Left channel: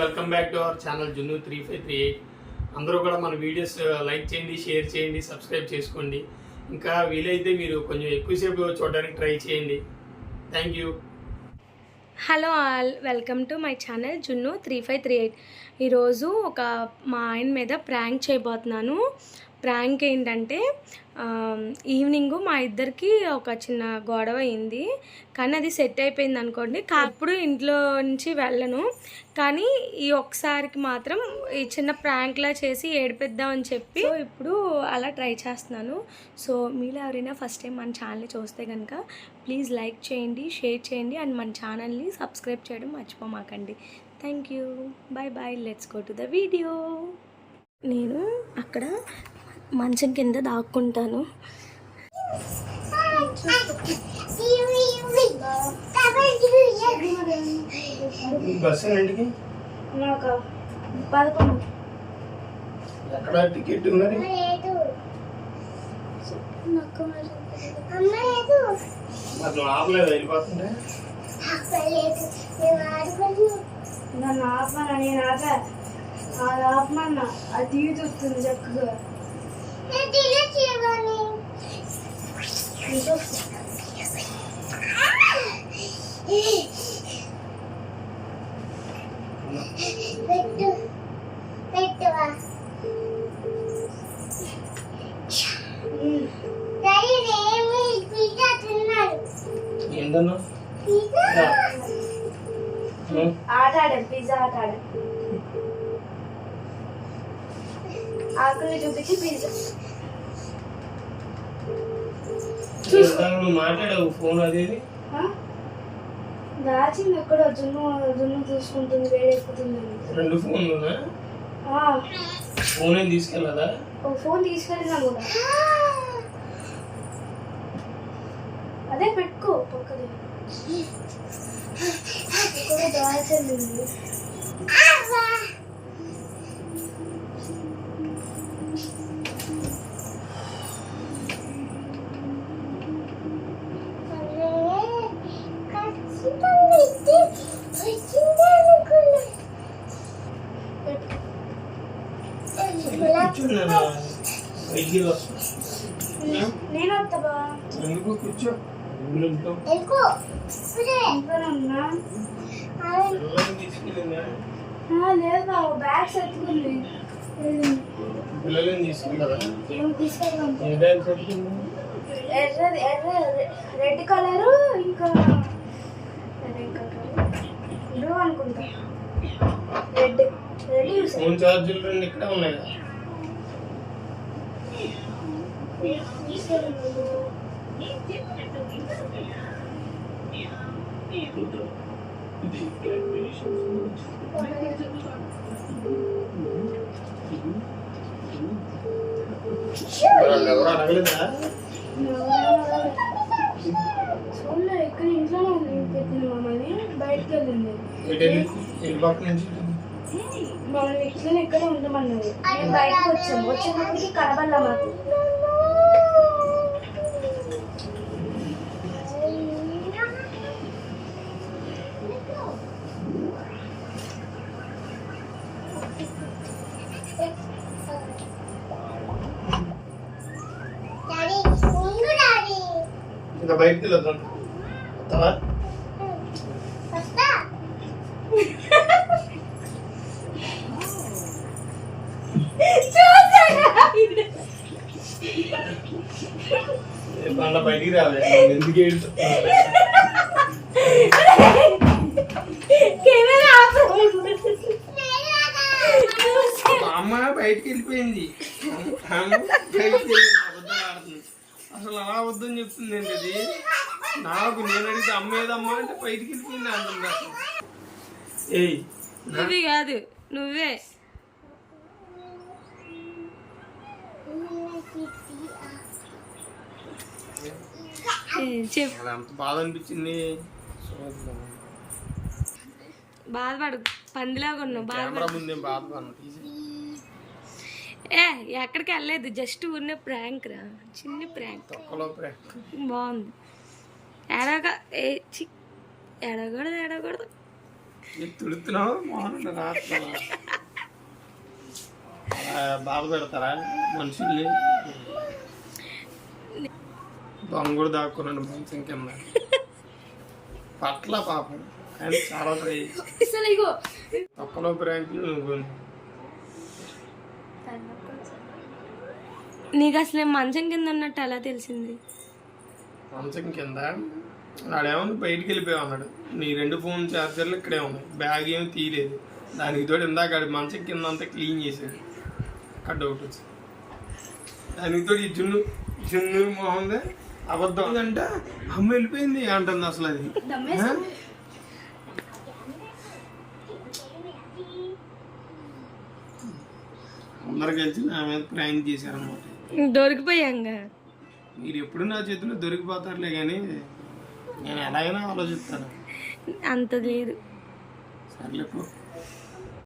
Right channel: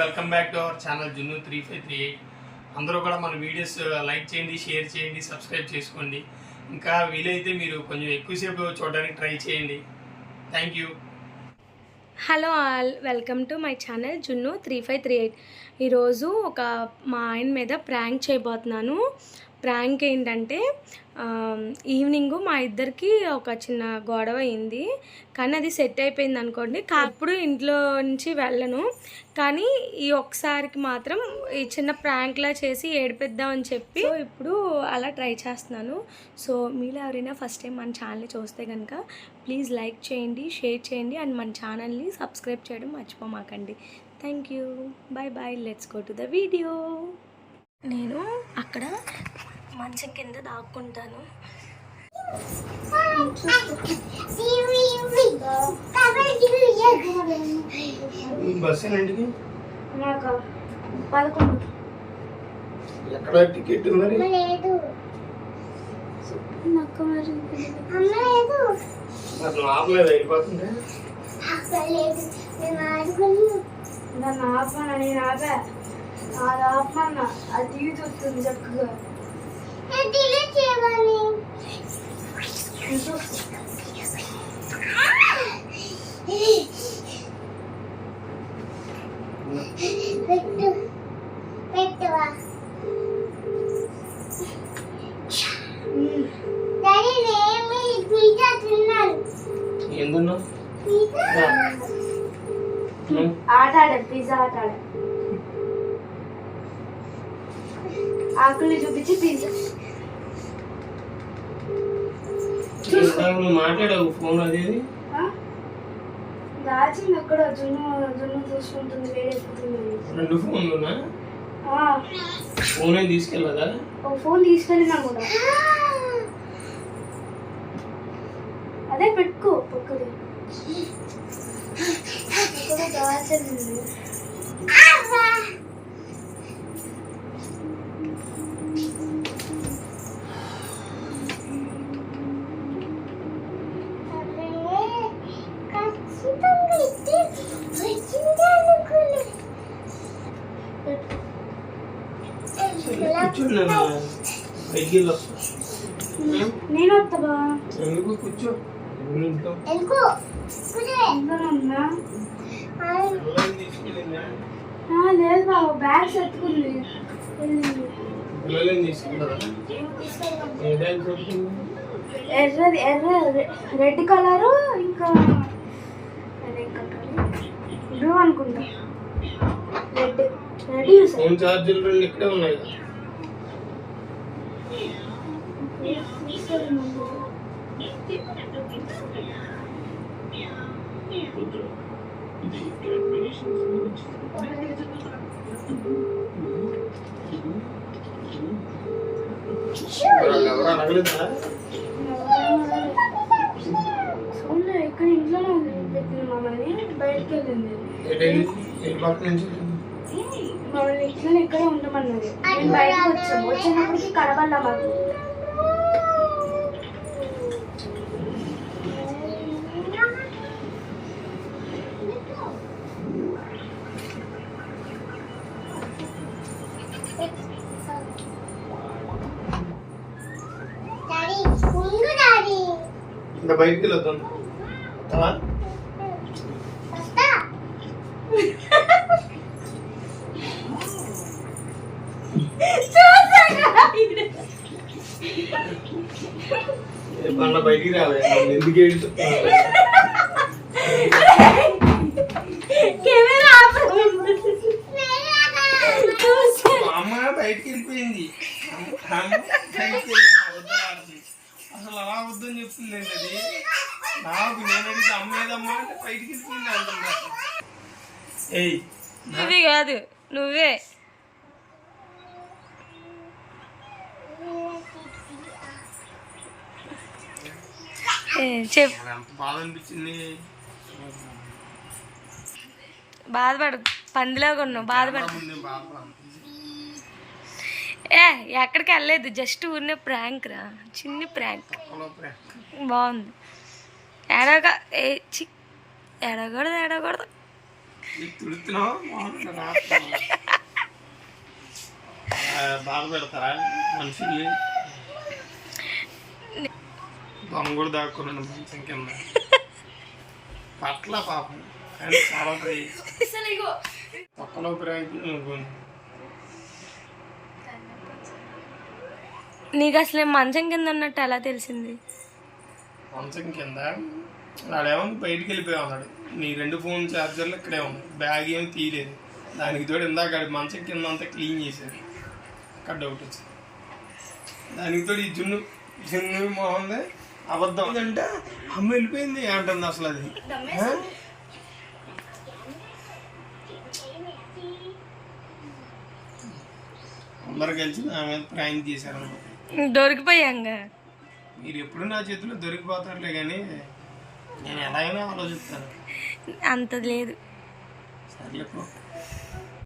Welcome back to our channel జున్ను 3538. అందరూ కూడా మన వీడియోస్ లైక్ చేయండి, షేర్ చేయండి, సబ్స్క్రైబ్ చేసుకోండి. ఇంకా వీలైతే మీరు కొంచెం ఎక్కువసేపు చూడడానికి ట్రై చేయండి. Thank you. Hello all, welcome to my channel జున్ను 3538. ఈరోజు మా ఆయన మీద ప్రాంక్ చేయబోతున్నాను. ప్రాంక్ ఏంటంటే ఈవినింగ్ మా ఇద్దరికి ఒక చిన్న గొడవ అయింది, కానీ అది సెట్ అయిపోయింది అనుకోండి. అప్పుడు ఇంట్లో నుంచి వెళ్ళను, కానీ ఈ ఒక్కసారికి మాత్రం ఈ చిన్న ప్రాంక్లా చేసి ఏడిపిద్దామని చెప్పి ఇప్పుడు అలా ట్రై చేస్తున్నాను. సో మీరు ఎవరైనా ఫస్ట్ టైం మన ఛానల్ని చూస్తే కనుక ప్లీజ్ లైక్ చేయండి, షేర్ చేయండి అండ్ మన ఛానల్ని సబ్స్క్రైబ్ చేయడం మర్చిపోమాకండి. Thank you. Bye bye. Let's go to the video. నేను అక్కడ మంచం కింద దాక్కుంటాను. నాకు 11. ఎక్కడ టికెట్ మరి? నన్ను ఆపమన్నా, నేను ఆపా. అది ఆపమన్నా, అది టీవీ చూస్తుంది చక్కగా. ఆట ఆడాను, పిజ్జా ఆట ఆడాను. ఆకుల్ని చూపించి పిజ్జా మాట్లాడావు. ఫోన్ అదేది దాచింది ఎక్కడ? జున్ను చూసుకుంటుంది, వేడెక్కుతుంది. 2 ఫోన్లునా? ఫోనే తీసుకెళ్ళదా? ఒక ఫోన్ తీసుకెళ్ళినా కూడా అదే పెట్టుకో పక్కనే. దాచింది నేను వస్తావా? ఎందుకు కూర్చో. లేదు బాబు, బ్యాగ్స్ ఎత్తుకుంది. పిల్లలని తీసుకుంటారా? రెడ్ కలరు ఇంకా బ్లూ అనుకుంటా. రెడ్ ఫోన్ ఛార్జర్లు 2 ఇక్కడే ఉన్నాయి. ఇక్కడ ఇంట్లోనే ఉంది. మమ్మల్ని బయటకు వెళ్ళింది. మమ్మల్ని ఇట్లనే ఇక్కడే ఉండమన్నది. మేము బయటకు వచ్చినప్పటికి కనబడలా మాకు. ఇంకా బయటికి వెళ్ళొద్దాం. బయటికి రాలే, ఎందుకు అమ్మ బయటికి వెళ్ళిపోయింది. అసలు అలా అబద్ధం చెప్తుంది ఏంటి అది? నాకు నేను అడిగితే అమ్మేదమ్మా అంటే బయటికి వెళ్ళిపోయింది అంటుంది. అసలు నువ్వే కాదు, నువ్వే చెప్పు. ఎంత బాధ అనిపించింది. బాధపడు, పందిలాగా ఉన్నావు. బాధపడు. ఎక్కడికి వెళ్ళలేదు, జస్ట్ ఊరినే ప్రాంక్ రా, చిన్ని ప్రాంక్. బాగుంది. ఏడవకూడదు. నీకు తుడుతున్నావు మామూలు రాస్తున్నావా? బాగా పెడతారా మనుషుల్ని? దొంగ కూడా దాక్కున్నాను మంచం కింద పట్ల పాపం కానీ చాలా తొక్కలో ప్రాంకులు నువ్వు. నీకు అసలు మంచం కింద ఉన్నట్టు ఎలా తెలిసింది? మంచం కింద ఆడేమో బయటికి వెళ్ళిపోయావు అన్నాడు. నీ 2 ఫోన్ ఛార్జర్లు ఇక్కడే ఉన్నాయి, బ్యాగ్ ఏమి తీయలేదు. దానికి తోడు ఇందాక ఆడి మంచం కింద అంతా క్లీన్ చేశాడు. అక్కడ డౌట్ వచ్చింది. దానికి తోడు ఈ జున్ను మొహందే అబద్ధం అంటే అమ్మ వెళ్ళిపోయింది అంటుంది అసలు అది. అందరు కలిసి నా మీద ప్రాంక్ చేశారనమాట. దొరికిపోయాంగా. మీరు ఎప్పుడు నా చేతిలో దొరికిపోతారులే కానీ నేను ఎలా అయినా ఆలోచిస్తాను. అంత లేదు. సర్లే పో.